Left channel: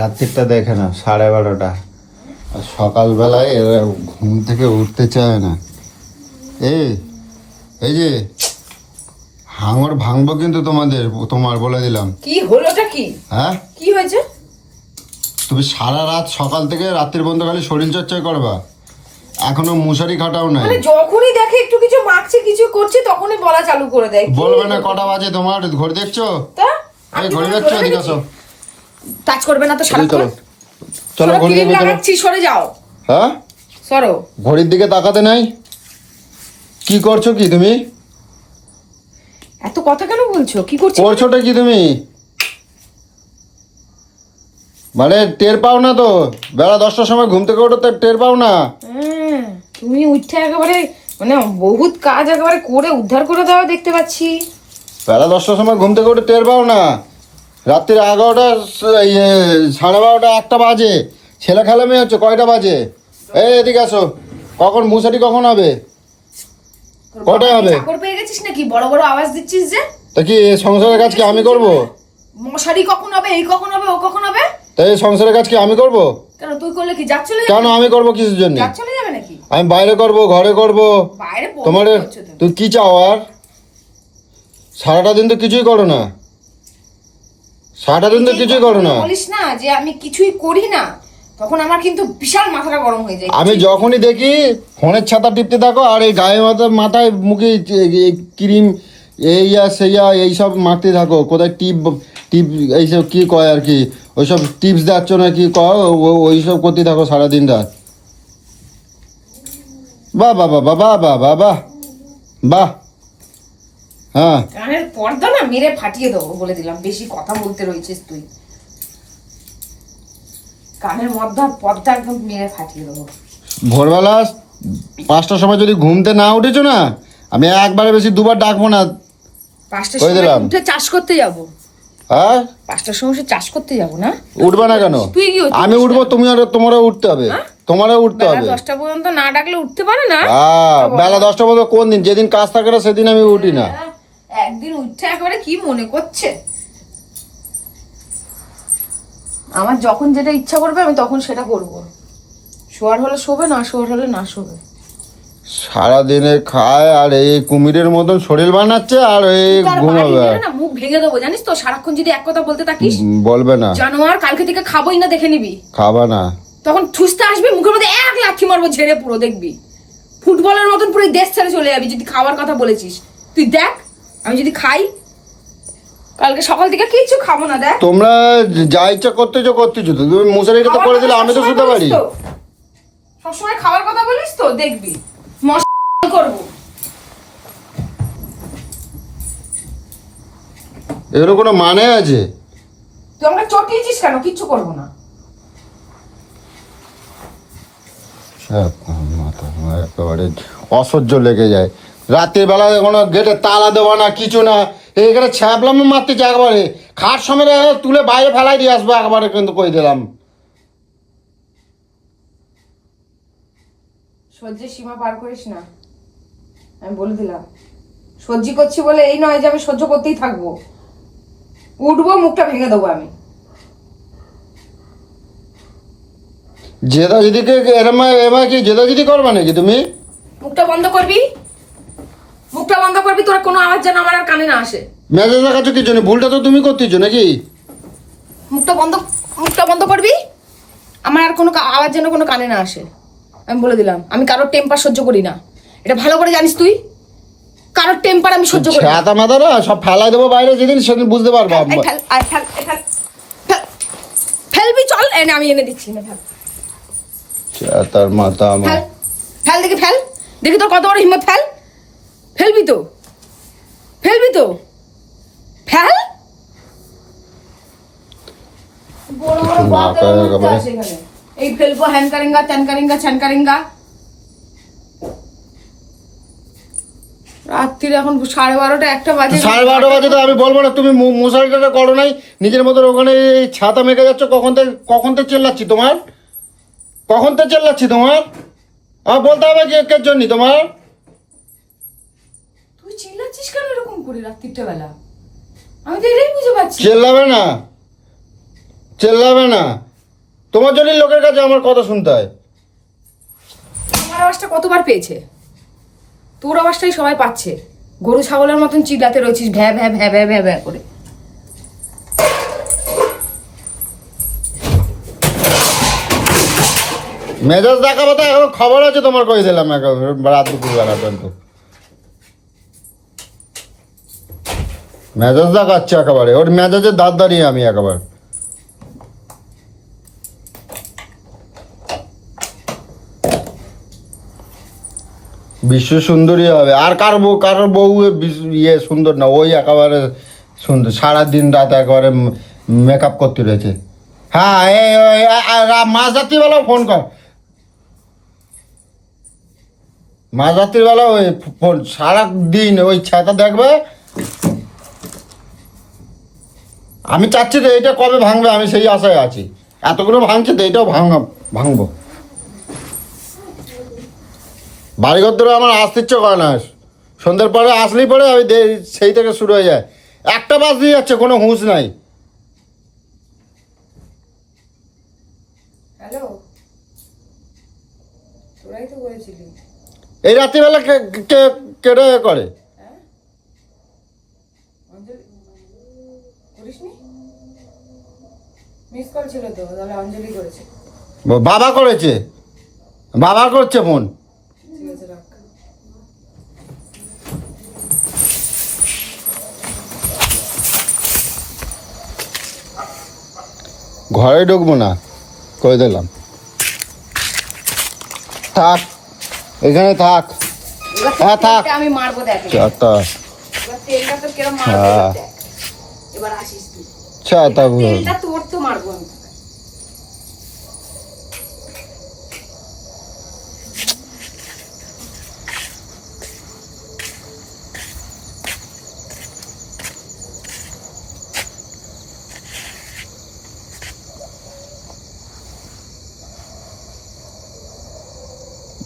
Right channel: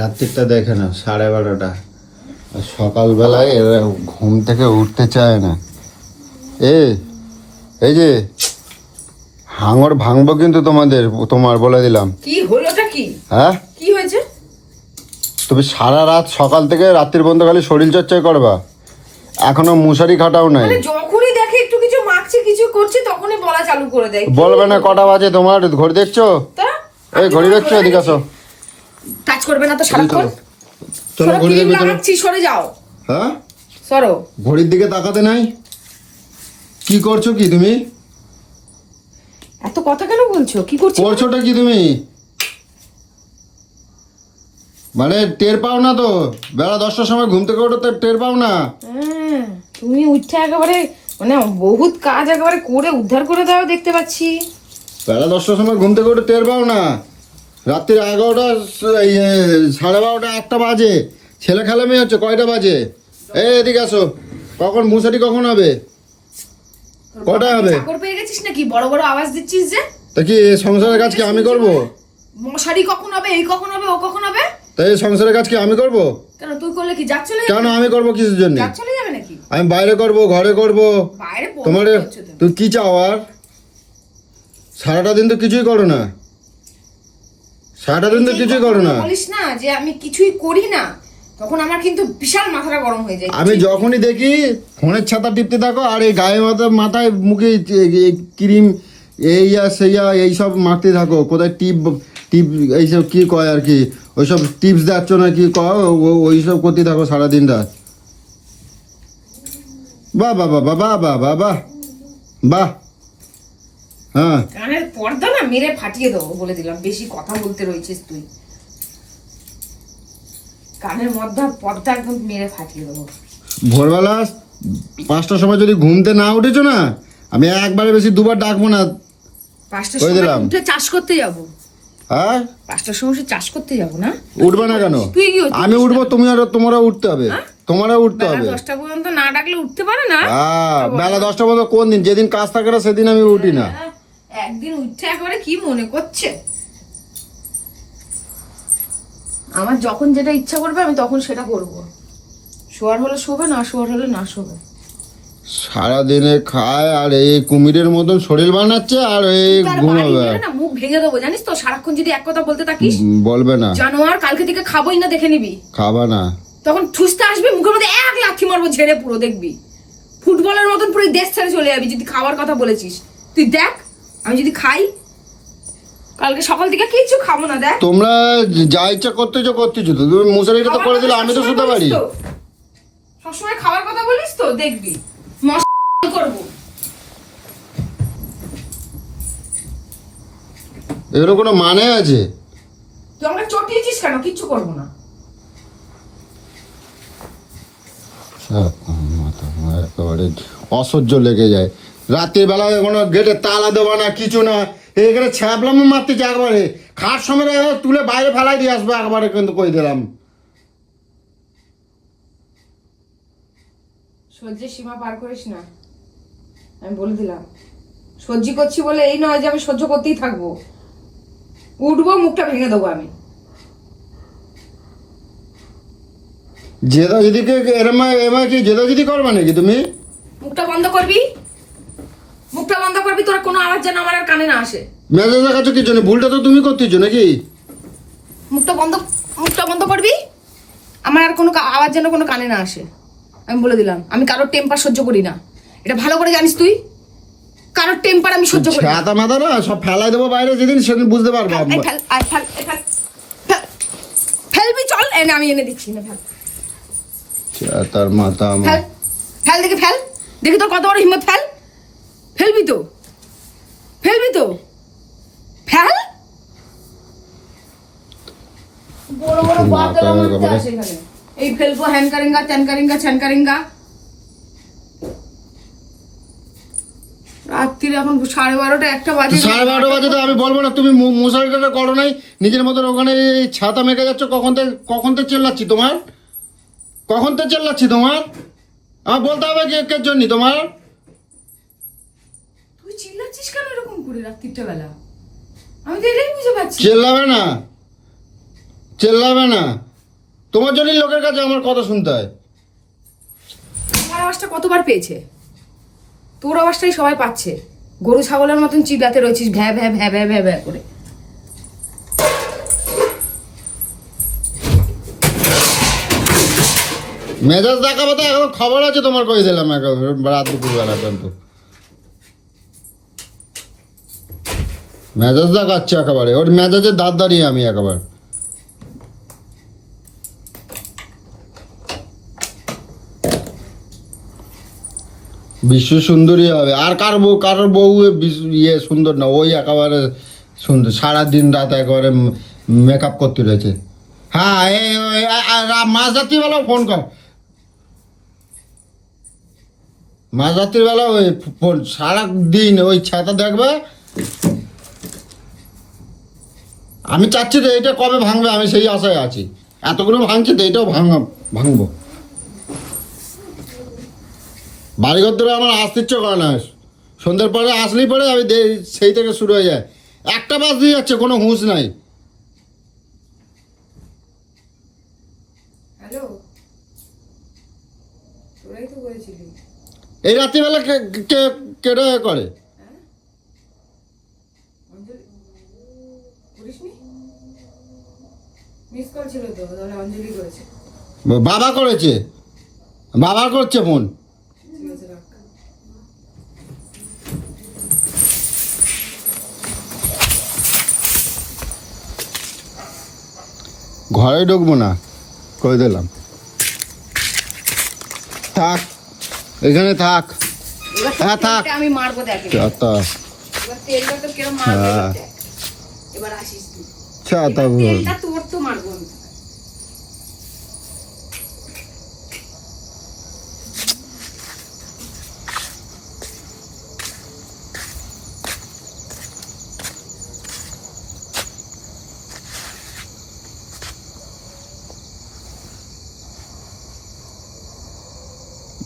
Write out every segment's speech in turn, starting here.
রাত্রিটা দেখে না 12:30, আর সকালবেলায় এরা ঘুম থেকে উঠতে চায় না। এই যে হাঙর ভাঙবো কিন্তু তোমার বলে দিলাম। কি হলোটা কি? হ্যাঁ কি হয়েছে? তুমি সারা রাত সকাল থেকে রাত্রির পর্যন্ত খালি শরীর চর্চা করবা, এখনো মশারি খাটাও নাই। মানে যখনই দেখে একটু কিছু মাখছে কিছু করছে তখনই বলা চালু করে দেয়। বলবে না কটা বাজে তোমার? ঘড়ি দেখছো? তা এই ঘড়ি দেখছো? এদিকে আসো। টাচ করবে না তো সারাক্ষণ। চলো ঘড়ি ক্রিম দেখো। লাগাচ্ছি, সরে যাও। হ্যাঁ সরো। ঘড়ির দিকে তাকাতে নাই? কি করছো কি তুমি? এত কথা কেন বলছো? কি করছো? করছোটা কি তুমি? মানে টের পাও না তো? বেলা 10টার সময় ঘুম থেকে ওঠো, টের পাও না? তুমি উঠে একেবারে মানে বহুত কাজ একেবারে করে উদ্ধার করে দাও দেখতে পাচ্ছি। বেলা 10টার সময় ঘুম থেকে ওঠে টের পাও না? রাত্রি 11টা, 12:30, 1টা বাজে। ছেলে খেলা মেয়ে হচ্ছে কয়টা বাজে? এদিকে আসো। কখন মশারি কখন হবে? কটা হবে? চাকর পেয়ে গেছিস নাকি? বড় বড় আওয়াজ দিচ্ছিস যে। তা কি সংসারের কাজ কি আমি করবো? মশারি কখন হবে, এই কখন হবে, ও কখন হবে? তাই সংসারের কাজ কি আমি করবো? কেন তুই করলে কি জাত চলে যাবে? কেন আমি করবো কিসের জন্য? জাত চলে যাবে নাকি? আমি বাইরে করবো, ঘরে করবো। বাইরে তোমার করছো তুমি। তুই কি চাও আর? সারাটা দিন তো কিছুই করো না। সারাটা দিন তো কিছুই করো না। বলিস না যে আমি কিছুই করি না, তখন আমার কিন্তু বিশাল মাথাটা গরম হয়ে যায়। আমি যখনই দেখি ফোনের ছাতা টিপতে থাকো, আর এই গায়ে মাথায় মুখে ক্রিম এইয়া সেইয়া এইসব মাখতে থাকো। কোথায় টিপ টিপ এইসব কি কয় আর কি, ওইসব টিপস দিচ্ছ না কি কয়, ওইসব করতে থাকো সারাদিন রাত। বাহ বাহ বাহ বাহ বাহ বাহ বাহ বাহ। হ্যাঁ কানের পর্দা না মেরে ফাটিয়ে দেবো বলে দিলাম, বেশি কথা বলতে রয়েছিস তুই। কানের মধ্যে পর্দা একদম মেরে ফাটিয়ে দেবো। ভোরবেলা 5টার সময় যদি ঘুমতে না উঠেছো না, আমি একবারে বেশি দুবার ডাকবো না। 5টার সময় উঠে চাষ করতে যাবো। হ্যাঁ 5টার সময় চাষ করতে যাবো না? উঠবে না কেন? তুই কি? আমি উঠবো, তোমারও উঠতে হবে। তোমারও উঠতে বেলা হবে। 10টা পর্যন্ত না ডাকলে উঠতে পারে না? বেলা 10টা পর্যন্ত কোন দিন? যেদিন কাজ থাকে না সেদিন আমি উঠি না। একদিন উঠছে একেবারে কি মনে করছে? আমার যখন যেটা ইচ্ছা করবে আমি তখন সেটা করবো। শোয়ার হলে শোবে, না শোয়ার হলে না শোবে। সারাদিনে খায় আর এই কুমিরের মতন শরীর বানাচ্ছে, আর এই ঘুমাবে। না মুখ ভেঙে দেবো জানিস তো, সারাক্ষণ যদি এক কথা বলতে থাকিস। বলবে না জানোয়ার, কালকে থেকে খাবোই না, দেখে নিবি। খাবা না তখন ঠুসতে আসবি, মুখের মধ্যে এক লাথি মারবো ঝেড়ে পুরো, দেখবি ফুটবলের মতন পুরো দেশ ছেড়ে চলে যাবি যদি খাওয়ার কথা বলেছিস। তুই দেখ আমি যদি খাই কালকে সকাল থেকে কিচ্ছু খাবো না। দেখ তোমরা যা ইচ্ছা করতেছো তো তুমি মশারি কথা করে দিলে আমি তো শুতে পারি। সবসময় খাওয়ার কথা বলিস তো, দেখবি মশা করবো। এর কোনো মানে আছে? তুই আমাকে চটিয়েছিস কেন? কিচ্ছু করবো না। একেবারে অসহ্য লেগে যায়। রাত্রির বেলা কোনো গেটে তালা দেবো না, কিছু না, এইখানে ছ্যাপলাম মারতে চাই একবারে। খাট সময় তুলে বাইরে ফেলাই দিয়ে আসবো একবারে, কিন্তু কই দিলাম। সহ্যের সীমা পার করিস না, আমি বলে দিলাম। সহ্য করছি বলে এই নয় যে আমি সহ্য করতেই থাকবো। উঠবো, মুখটা ভেঙে দেবো আমি। জেদাজিদিকে কি জেদাজিদি করবা নাকি তুমি? মুখটা বন্ধ করবি, মুখটা বন্ধ করবি। তোরা কোনো আওয়াজ যেন আমার আর কানে না আসে। মেজাজ দেখাচ্ছ কি জন্য? ভুলটা তো তুমি করতেছো নাকি? মুখটা বন্ধ করবি। আমার আর কোনো আওয়াজ যেন কোনো কানে না আসে, আমি বলে দিলাম। আমি কারোর টেম্পার সহ্য করি না, এটা ভালো করে জানিস তুই। কারোর টেম্পার আমি সহ্য করি না। মাথা না সব ফেলাই দেবো বাইরে, যেদিন সেদিন বুঝতে পারবো। ফেলবি, চল এনে আমি এনে দিচ্ছি না। তার মাথা ফেল, ফেল দেখি, ফেল দেখি তোর কত বড় হিম্মত। ফেলবি তো ফেল। বড় বড় এই ফেলবো, হ্যান কারেঙ্গা, ত্যান কারেঙ্গা, ছ্যান কারেঙ্গা। রাত্রির এখন 12:30 1টা বাজে। 12:30 বাজে তো আমি বলবো না তুমি মশারিটা করো নাই নিজের মতো? ওখানে ছাতা মেখে যাচ্ছ। কখন থেকে চেল্লাচ্ছি তোমার? আমার বলতে হবে কে জন্য তোমার? তুই চিল্লাচ্ছিস কেন এরকম করে রাত্রিটা বেলা? আমি তো এটাই বুঝে পাচ্ছি। চেল্লাবে না, চেল্লাবে না, তোমার জন্যই লোকের কাছে আমার কথা শুনতে হয়। আমার আওয়াজটা কতবার পেয়েছে? তোর আওয়াজটাই সবাই পাচ্ছে। গরু ছাগলের মতন চিল্লাতে রয়েছিস ভ্যা ভ্যা ভ্যা ভ্যা ভ্যা ভ্যা করে। মেজাজ দেখাবো তো এখন খবর আছে তোমার, কই দিলাম একেবারে রাত দুপুর বেলা পর্যন্ত মেজাজ দেখাচ্ছে একেবারে, ওর মেজাজের দাঁত দাঁড়িয়ে আমি একেবারে। বিশ্ব সুন্দরী হবে, আর কারোর বউ ইয়ে সুন্দর না, ওই একেবারে সুন্দর, সারাদিন রাত একেবারে মেকআপ করতে রয়েছে। হ্যাঁ মাঝ রাত্রিবেলাও ফোন কর, মাঝ রাত্রিবেলা ওই ফোন, সারাদিন ওই ছাতা দেখবে। আমি চাচ্ছি তো এটা কবে ভাঙবে, আমি সেই আশায় আছি। এতগুলো ভাঙছে তো এটাও ভাঙবো। বাড়িঘর ধরে আমার আসতে ইচ্ছে করে না, সন্ধ্যের পরে আসলেই পরে আমি সেই থেকে শুরু হয়ে যায়। একটা বাস দিয়ে যাচ্ছে, কোনো হুঁশ নাই। হ্যালো, তোরাই তো করেছিলি। এই রাত্রিবেলা কেটে করে করিসনি? মিস কল ছিল তো, তাহলে অঞ্জলি করেছে। বাবা করেছে, বাবা করছে ফোন। ঠিক আছে, রাখ। ঘরে ঢুকবো না, করে দিলাম। থাক, এখানে থাক। হ্যাঁ থাক। আমি মারবো, দেখ তা এবার তেলটা তো কিরম মারবো, এবার দেখ। এবার আসিস তুই। তেলটা তোর তো মারবো আমি।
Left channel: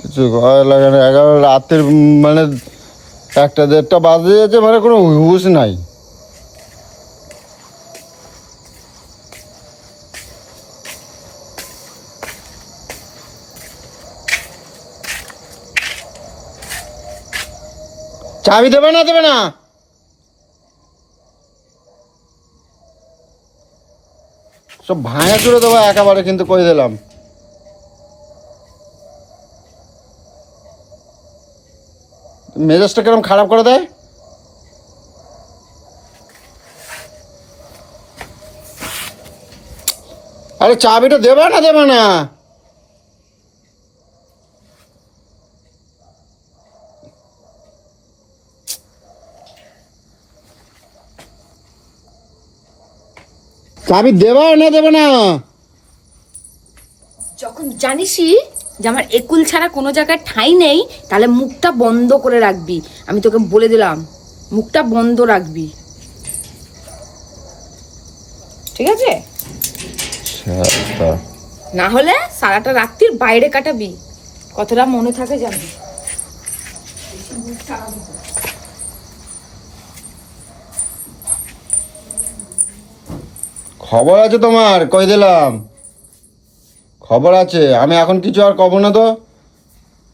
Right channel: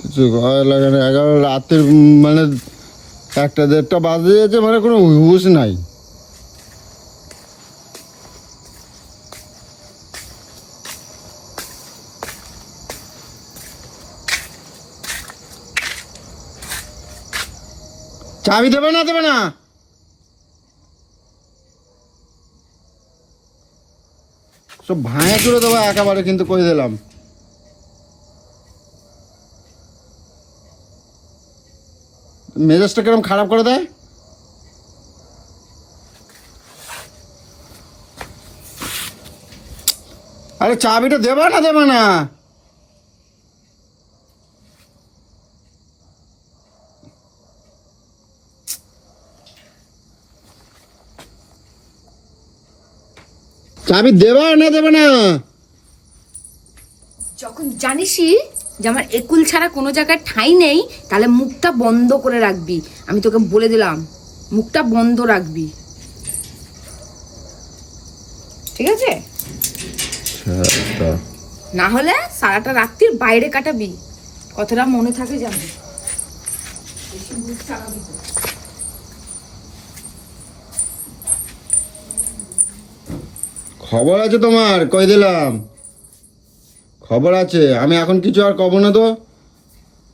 কিছু ঘরে লাগে না, 11 রাতের মানে 1-1:30 বাজে যাচ্ছে, মানে কোনো হুঁশ নাই। চাবি দেবে না, দেবে না? সব ভাঙা চুড়ে দেবো একেবারে, কিন্তু কই দিলাম। মেজাজটা কিরম খারাপ করে দেয়। আরে চাবিটা দেবে না, দেবে না? চাবি দেবে না, দেবে না? যখন জানিসই যে আমার একুল ছাড়া কোনো জায়গায় ঠাঁই নেই, তাহলে মুখটা বন্ধ করে রাখবি। আমি তোকে বলে দিলাম, মুখটা বন্ধ রাখবি, ঠিক আছে? না হলে সারাটা রাত্রির বাইরে কাটাবি, কতটা মনে থাকে জানি। খবর আছে তোমার, কই দিলাম। খবর আছে, আমি এখন কিছু আর কব না তো,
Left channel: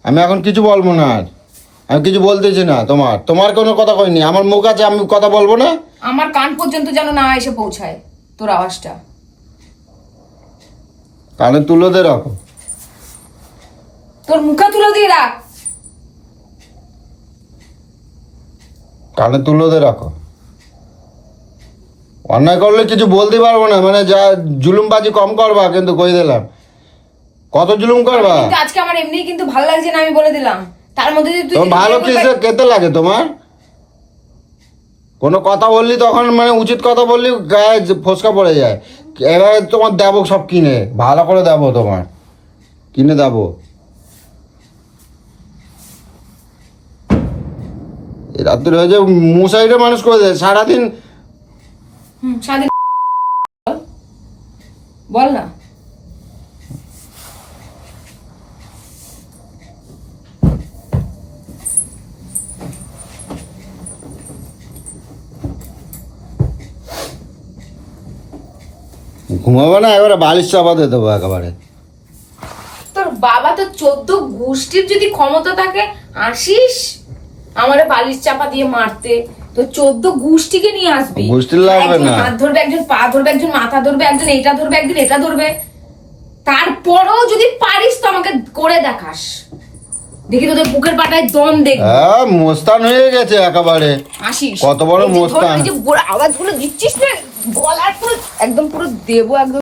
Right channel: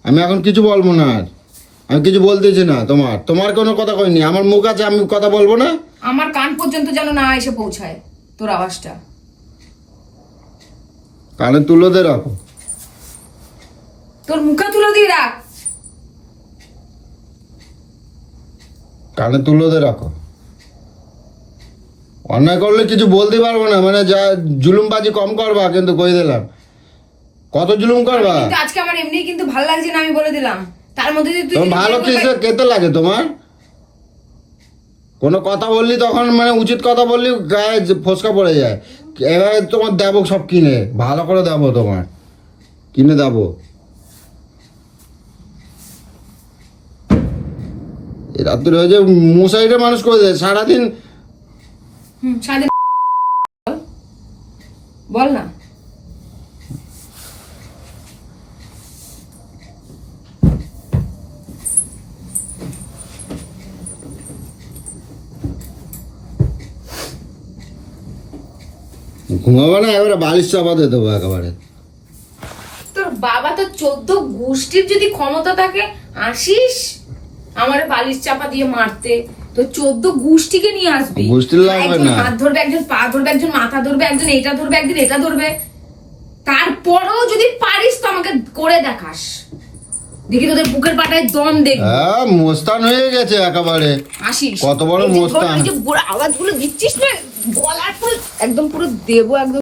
আমি এখন কিছু বলবো না আর, আমি কিছু বলতেছি না। তোমার কোনো কথা কইনি, আমার মুখ আছে, আমি কথা বলবো না। আমার কান পর্যন্ত যেন না এসে পৌঁছায় তোর আওয়াজটা। কানে তুলো দে, রাখো। তোর মুখে তুলো দিয়ে রাখ। কানে তুলো দে, রাখো। অন্যায় করলে কিছু বলতে পারবো না, মানে যা জুলুমবাজি কম করবা, কিন্তু কই দিলাম। কত জুলুম করবা? কিন্তু আজকে আমার এমনি কিন্তু ভালো লাগছে না, আমি বলে দিলাম। তার মধ্যে যদি তুই ভালো কিছু কেতে লাগে তোমার? কোনো কথা বললি তখন মানে উচিত কথা বললি গায়ে ফসকা পড়ে যায়। এবারে তোমার দেবো সব কিনে, ভালো করে দেবো, তোমার কিনে দেবো। এই রাত্রি হয়েছে, মশাইটা মানুষ করে দেয় সারাদিন। সারাদিন বল না। ঘুমাবো না, এবারে বালিশ চাপা দিয়ে দেবো একেবারে। তোর বাবা তো 14 গোষ্ঠীর যদি ক্ষমতা থাকে, আসিস আমারে বালিশ চাপা দিয়ে মারতে, তো 14 গোষ্ঠীকে নিয়ে আসবি। গোষ্ঠীর লাগবে একজন না। হাত ধরবে, একজন পা ধরবে, একজন মাথা ধরবে, একজন এটা ধরবে, একজন এটা ধরবে। তারপরেও যদি পারিস তো আমাকে করে দেখাস, দেখি তোদের বুকের পাটায় দম দেখবি। হ্যাঁ, মোস্তান হয়ে গেছে একেবারে। আসিস কত বড় এই যে ধর, মোস্তান। এই যে আওয়াজ গুলো দিচ্ছিস না, গলার পুরো একদম পুরো দেবো একদম।